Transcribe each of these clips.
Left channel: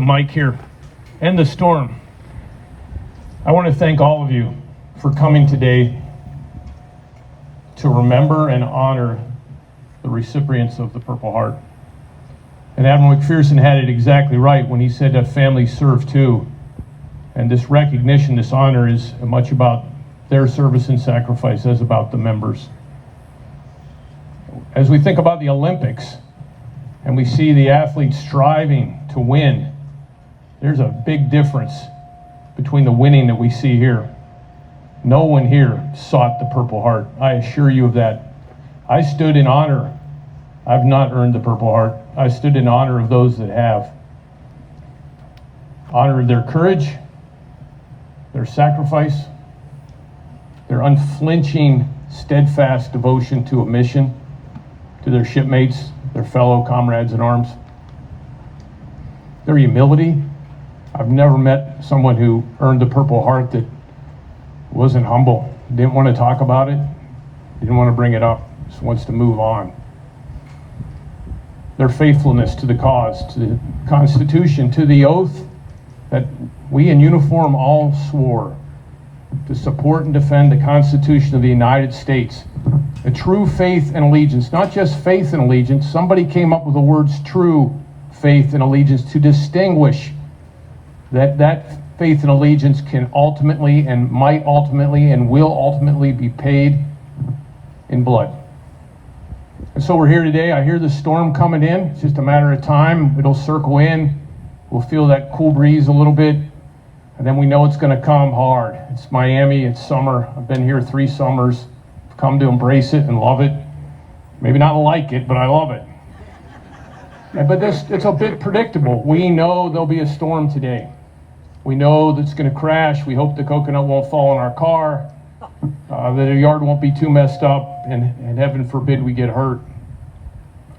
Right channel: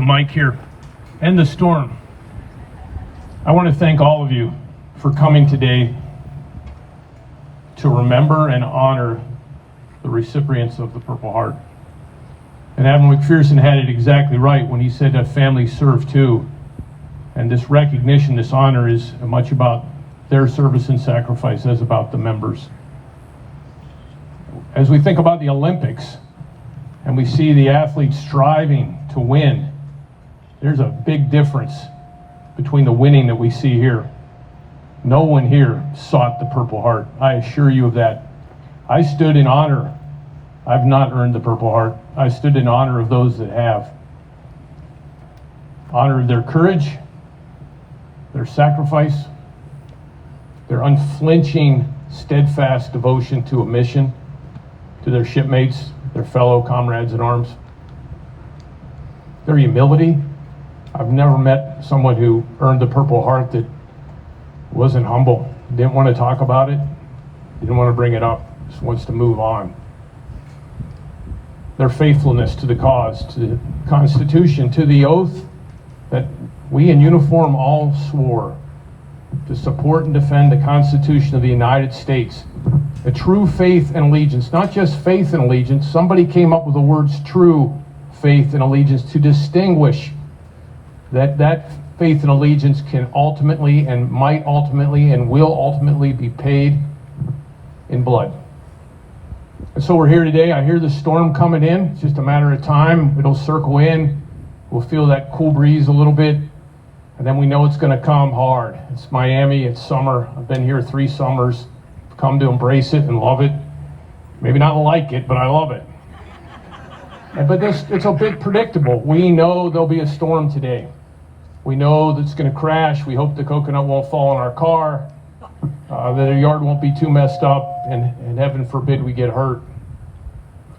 the mic here, and the storm. I want to thank all of you for coming today to remember and honor the recipients of the Purple Heart. And Admiral McPherson had it exactly right when he said that families serve too. And this recognition, this honor is much about their service and sacrifice as about the members. As we think about the Olympics and we see the athletes striving to win, there's a big difference between the winning that we see here. No one here sought the Purple Heart. I assure you of that. I stood in honor. I've not earned the Purple Heart. I stood in honor of those that have. Honored their courage, their sacrifice, their unflinching, steadfast devotion to a mission, to their shipmates, their fellow comrades in arms. Their humility. I've never met someone who earned the Purple Heart that wasn't humble, didn't want to talk about it, didn't want to bring it up, just wants to move on. Their faithfulness to the cause, to the Constitution, to the oath that we in uniform all swore to support and defend the Constitution of the United States. A true faith and allegiance, not just faith and allegiance. Somebody came up with the words true faith and allegiance to distinguish that faith and allegiance can ultimately and might ultimately and will ultimately be paid in blood. And so we're here today. I hear the storm coming in. It's just a matter of time. It'll circle in. We'll feel that cool breeze a little bit. And then we know it's going to come hard. It's Miami. It's summer. I've been here 3 summers. I've come to embrace it and love it. Maybe not like it, but I love it. But it's a bit predictable. We know there'll be a storm today. We know that it's going to crash. We hope the coconut won't fall in our car. That the yard won't be too messed up, and heaven forbid we get hurt.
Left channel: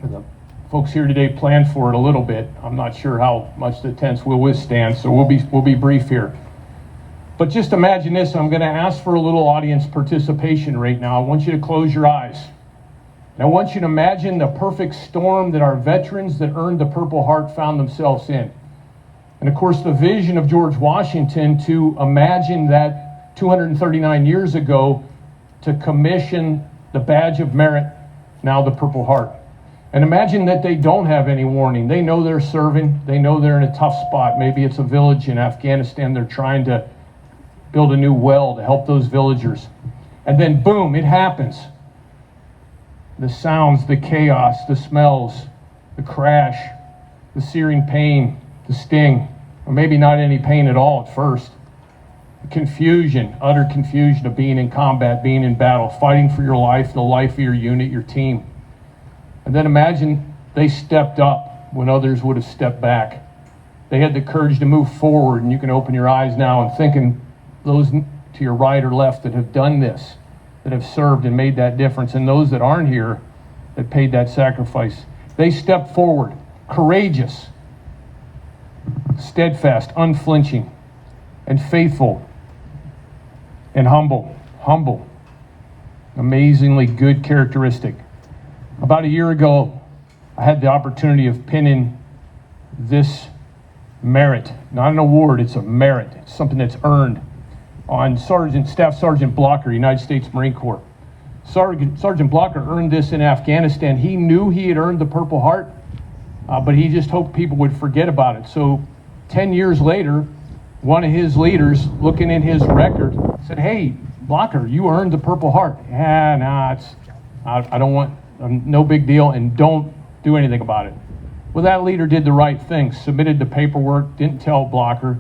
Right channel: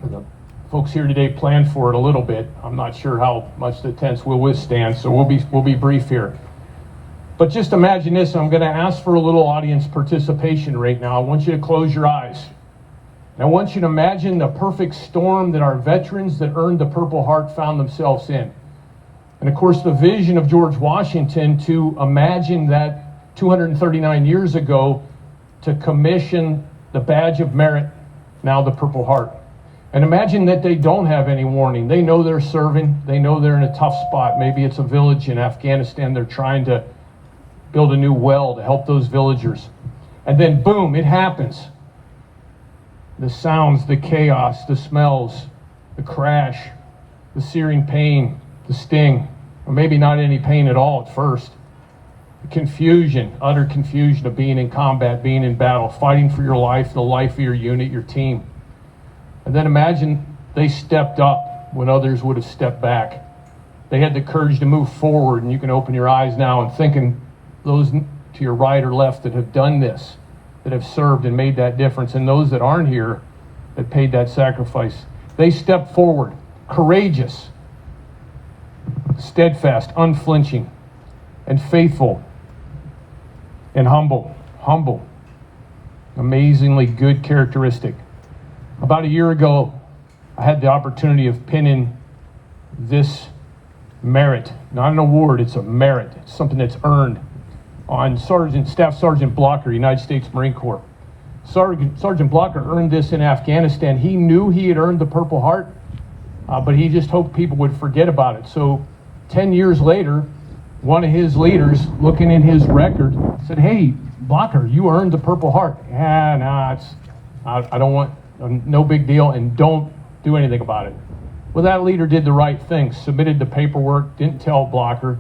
The folks here today planned for it a little bit. I'm not sure how much the tents will withstand, so we'll be brief here. But just imagine this. I'm going to ask for a little audience participation right now. I want you to close your eyes. And I want you to imagine the perfect storm that our veterans that earned the Purple Heart found themselves in. And of course, the vision of George Washington to imagine that 239 years ago to commission the badge of merit, now the Purple Heart. And imagine that they don't have any warning. They know they're serving. They know they're in a tough spot. Maybe it's a village in Afghanistan. They're trying to build a new well to help those villagers. And then boom, it happens. The sounds, the chaos, the smells, the crash, the searing pain, the sting, or maybe not any pain at all at first. The confusion, utter confusion of being in combat, being in battle, fighting for your life, the life of your unit, your team. And then imagine they stepped up when others would have stepped back. They had the courage to move forward, and you can open your eyes now and thinking those to your right or left that have done this, that have served and made that difference, and those that aren't here that paid that sacrifice. They stepped forward, courageous, steadfast, unflinching, and faithful, and humble. Amazingly good characteristic. About a year ago, I had the opportunity of pinning this merit, not an award, it's a merit. It's something that's earned on Staff Sergeant Blocker, United States Marine Corps. Sergeant Blocker earned this in Afghanistan. He knew he had earned the Purple Heart, but he just hoped people would forget about it. So 10 years later, one of his leaders, looking in his record, said, "Hey, Blocker, you earned the Purple Heart." I don't want, no big deal, and don't do anything about it. Well, that leader did the right thing, submitted the paperwork, didn't tell Blocker.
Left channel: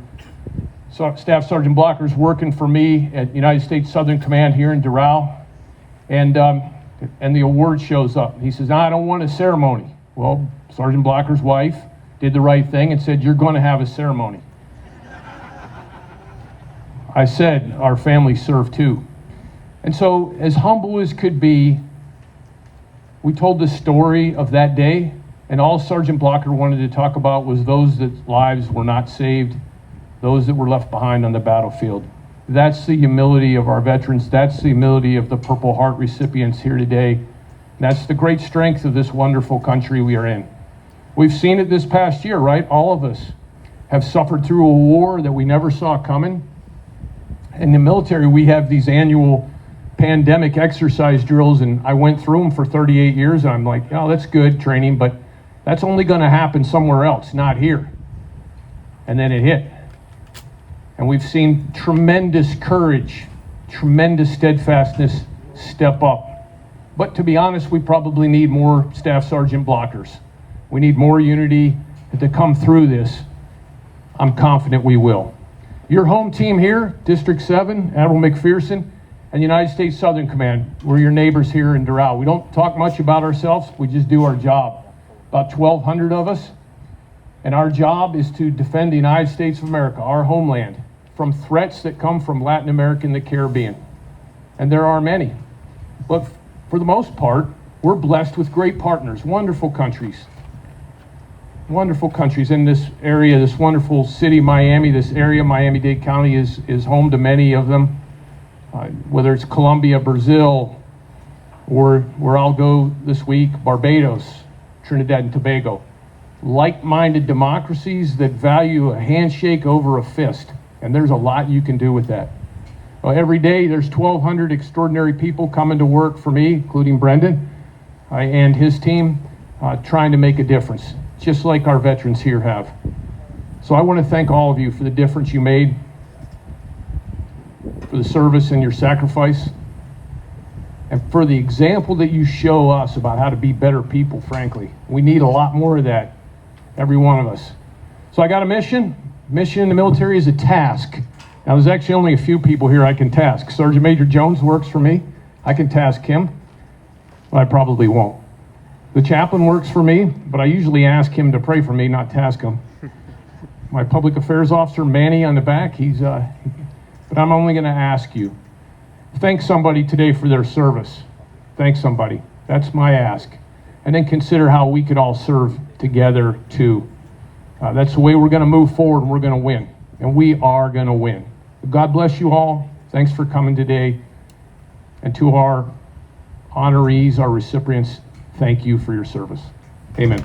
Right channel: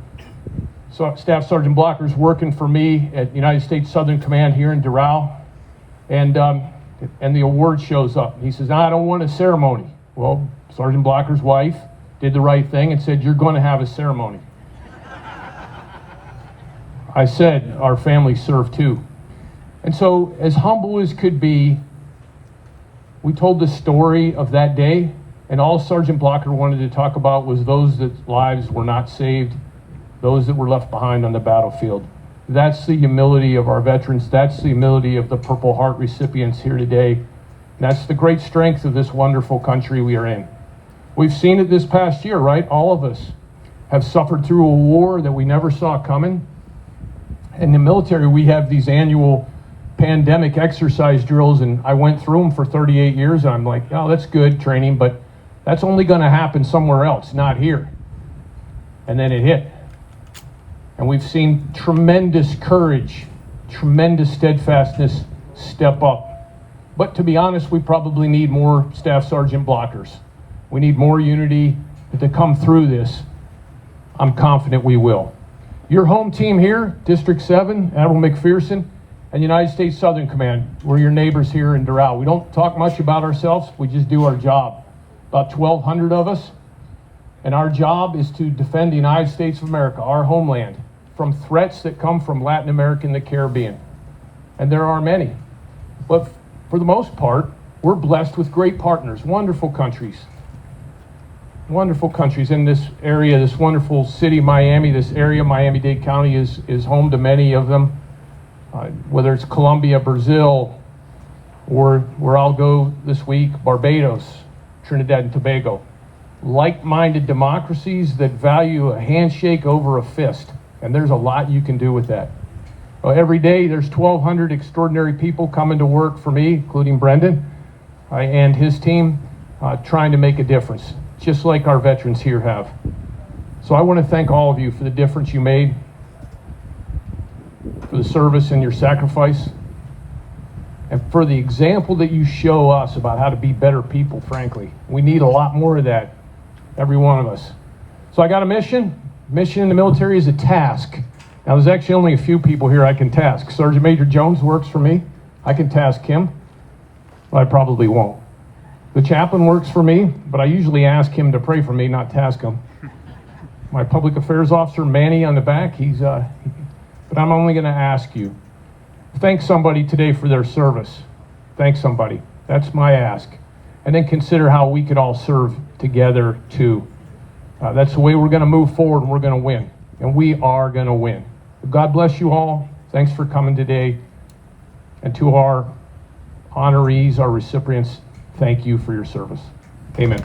So Staff Sergeant Blocker's working for me at United States Southern Command here in Doral, and the award shows up. He says, "I don't want a ceremony." Well, Sergeant Blocker's wife did the right thing and said, "You're going to have a ceremony." I said, "Our family served too." And so, as humble as could be, we told the story of that day, and all Sergeant Blocker wanted to talk about was those that lives were not saved, those that were left behind on the battlefield. That's the humility of our veterans. That's the humility of the Purple Heart recipients here today. That's the great strength of this wonderful country we are in. We've seen it this past year, right? All of us have suffered through a war that we never saw coming. In the military, we have these annual pandemic exercise drills, and I went through them for 38 years, and I'm like, oh, that's good training, but that's only going to happen somewhere else, not here. And then it hit. And we've seen tremendous courage, tremendous steadfastness step up. But to be honest, we probably need more Staff Sergeant blockers. We need more unity to come through this. I'm confident we will. Your home team here, District 7, Admiral McPherson, and United States Southern Command, we're your neighbors here in Doral. We don't talk much about ourselves, we just do our job. About 1,200 of us, and our job is to defend the United States of America, our homeland, from threats that come from Latin America and the Caribbean. And there are many. But for the most part, we're blessed with great partners, wonderful countries in this area, this wonderful city, Miami. This area, Miami-Dade County, is home to many of them, whether it's Colombia, Brazil, or where I'll go this week, Barbados, Trinidad and Tobago. Like-minded democracies that value a handshake over a fist, and there's a lot you can do with that. Well, every day there's 1,200 extraordinary people coming to work for me, including Brendan and his team, trying to make a difference, just like our veterans here have. So I want to thank all of you for the difference you made, for the service and your sacrifice, and for the example that you show us about how to be better people, frankly. We need a lot more of that, every one of us. So I got a mission. Mission in the military is a task. Now, there's actually only a few people here I can task. Sergeant Major Jones works for me. I can task him, but I probably won't. The chaplain works for me, but I usually ask him to pray for me, not task him. My public affairs officer, Manny, on the back, but I'm only going to ask you. Thank somebody today for their service. Thank somebody. That's my ask. And then consider how we could all serve together too. That's the way we're going to move forward, and we're going to win. And we are going to win. God bless you all. Thanks for coming today. And to our honorees, our recipients, thank you for your service. Amen.